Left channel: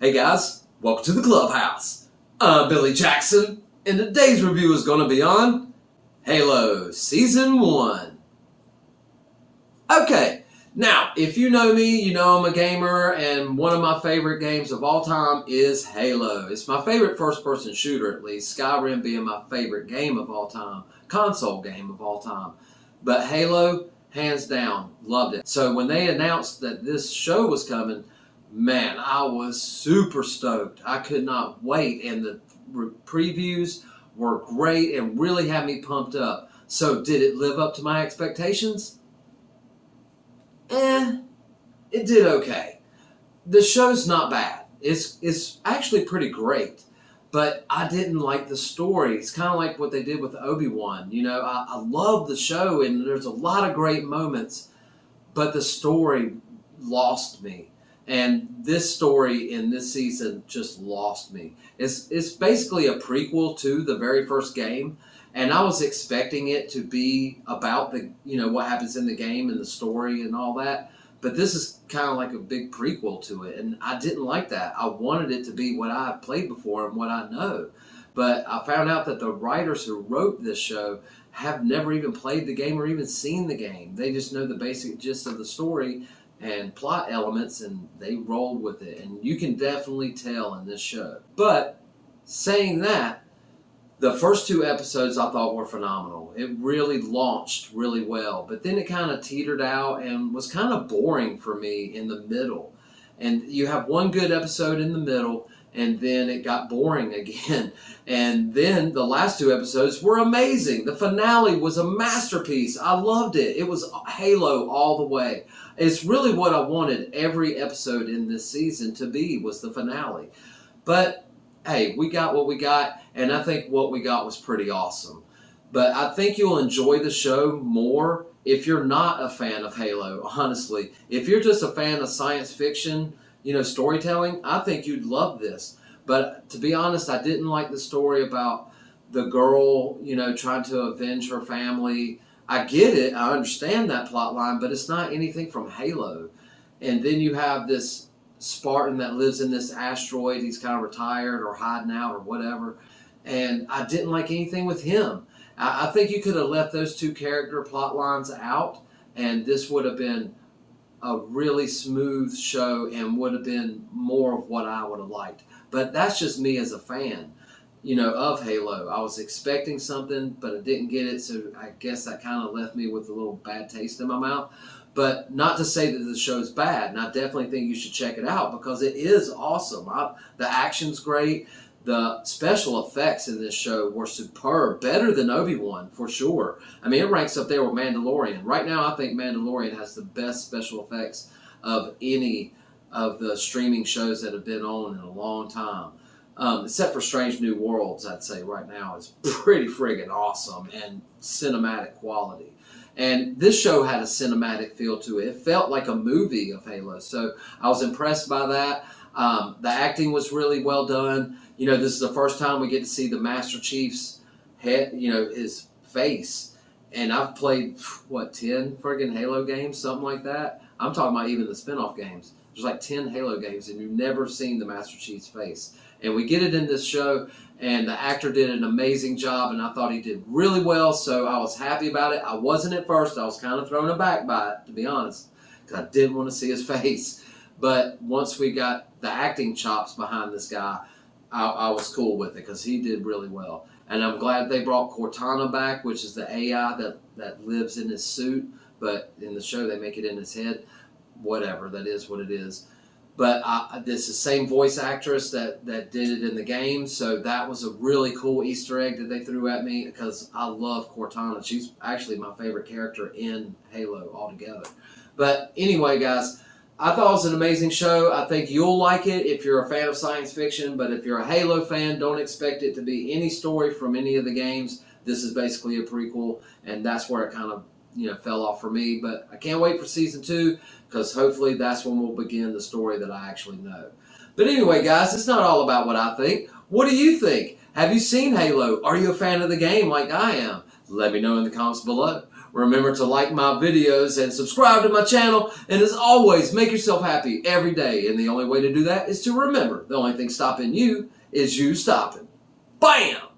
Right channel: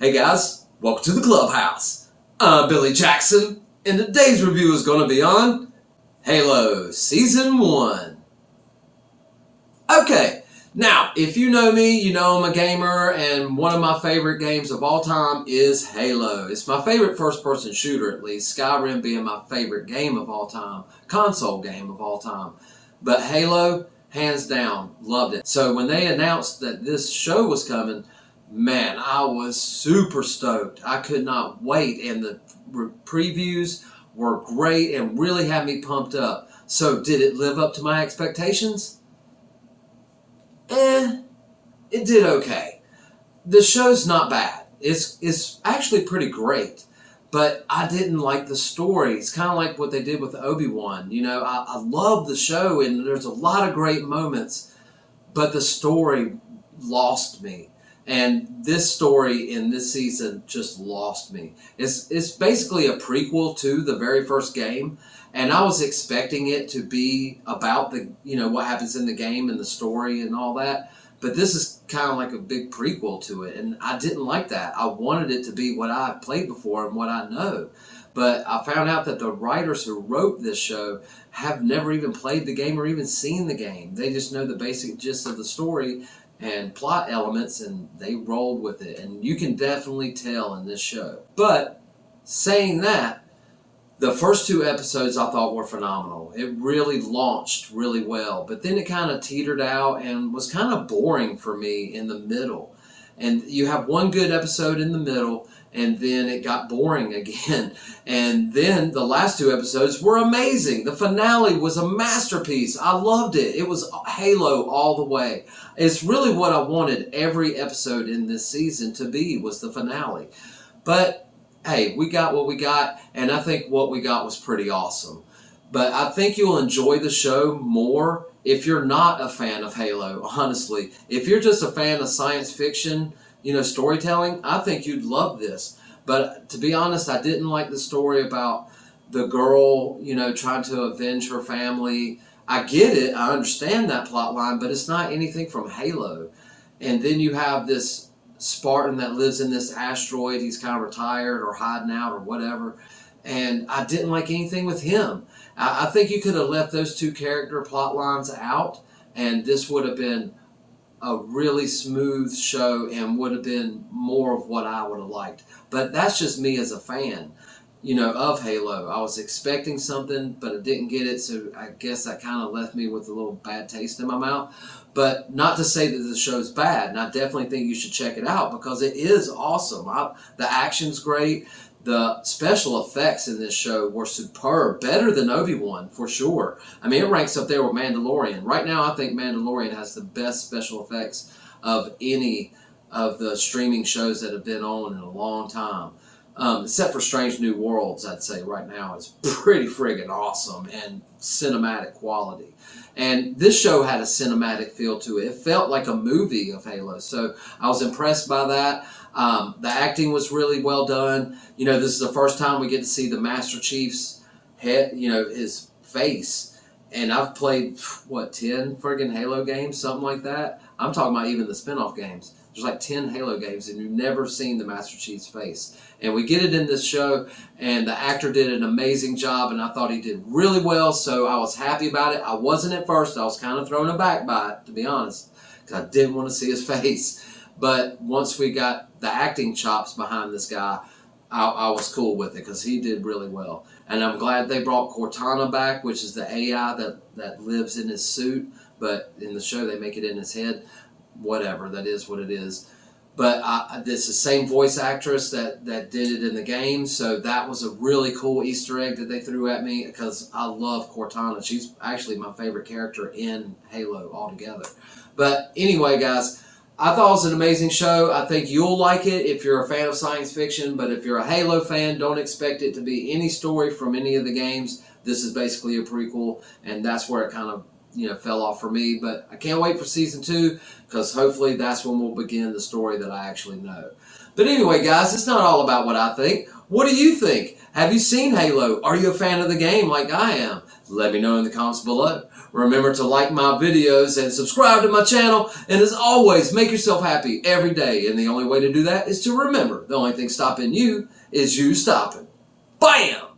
Hey guys, welcome to the clubhouse. I'm Billy Jackson, and today's review is going to be on Halo Season 1. Okay, now, if you know me, you know I'm a gamer, and one of my favorite games of all time is Halo. It's my favorite first-person shooter, at least, Skyrim being my favorite game of all time, console game of all time. But Halo, hands down, loved it. So when they announced that this show was coming, man, I was super stoked. I could not wait, and the previews were great and really had me pumped up. So did it live up to my expectations? It did okay. The show's not bad. It's actually pretty great, but I didn't like the story. It's kind of like what they did with Obi-Wan. You know, I love the show, and there's a lot of great moments, but the story lost me. And this story in this season just lost me. It's basically a prequel to the very first game, and I was expecting it to be about the what happens in the game and the story and all that. But this is kind of like a big prequel to it, and I didn't like that. I wanted it to be what I've played before and what I know. But I found out that the writers who wrote this show have never even played the game or even seen the game. They just know the basic gist of the story and plot elements, and they rolled with it. And you can definitely tell in this show. But saying that, the first two episodes I thought were phenomenal. It really launched really well, but then it kind of teetered out and was kind of boring for me in the middle. And you have one good episode in the middle, and then it got boring again. And then the last two episodes were amazing. The finale was a masterpiece. I loved it. It was Halo all the way. It's really what I wanted every episode in this season to be, was the finale. But hey, we got what we got, and I think what we got was pretty awesome. But I think you'll enjoy the show more if you're not a fan of Halo, honestly. If you're just a fan of science fiction, storytelling, I think you'd love this. But to be honest, I didn't like the story about the girl, trying to avenge her family. I get it, I understand that plot line, but it's not anything from Halo. And then you have this Spartan that lives in this asteroid. He's kind of retired or hiding out or whatever. And I didn't like anything with him. I think you could have left those two character plot lines out, and this would have been a really smooth show and would have been more of what I would have liked. But that's just me as a fan, of Halo. I was expecting something, but I didn't get it, so I guess that kind of left me with a little bad taste in my mouth. But not to say that the show's bad, and I definitely think you should check it out because it is awesome. The action's great. The special effects in this show were superb, better than Obi-Wan for sure. I mean, it ranks up there with Mandalorian. Right now, I think Mandalorian has the best special effects of any of the streaming shows that have been on in a long time. Except for Strange New Worlds, I'd say right now is pretty friggin' awesome and cinematic quality. And this show had a cinematic feel to it. It felt like a movie of Halo, so I was impressed by that. The acting was really well done. This is the first time we get to see the Master Chief's head, his face. And I've played, 10 friggin' Halo games, something like that? I'm talking about even the spin-off games. There's like 10 Halo games, and you've never seen the Master Chief's face. And we get it in this show, and the actor did an amazing job, and I thought he did really well, so I was happy about it. I wasn't at first. I was kind of thrown aback by it, to be honest, because I didn't want to see his face. But once we got the acting chops behind this guy, I was cool with it because he did really well. And I'm glad they brought Cortana back, which is the AI that lives in his suit, but in the show they make it in his head. Whatever, that is what it is. But this is the same voice actress that did it in the game, so that was a really cool Easter egg that they threw at me because I love Cortana. She's actually my favorite character in Halo altogether. But anyway, guys, I thought it was an amazing show. I think you'll like it if you're a fan of science fiction, but if you're a Halo fan, don't expect it to be any story from any of the games. This is basically a prequel, and that's where it kind of fell off for me. But I can't wait for season 2 because hopefully that's when we'll begin the story that I actually know. But anyway, guys, it's not all about what I think. What do you think? Have you seen Halo? Are you a fan of the game like I am? Let me know in the comments below. Remember to like my videos and subscribe to my channel. And as always, make yourself happy every day. And the only way to do that is to remember the only thing stopping you is you stopping. Bam!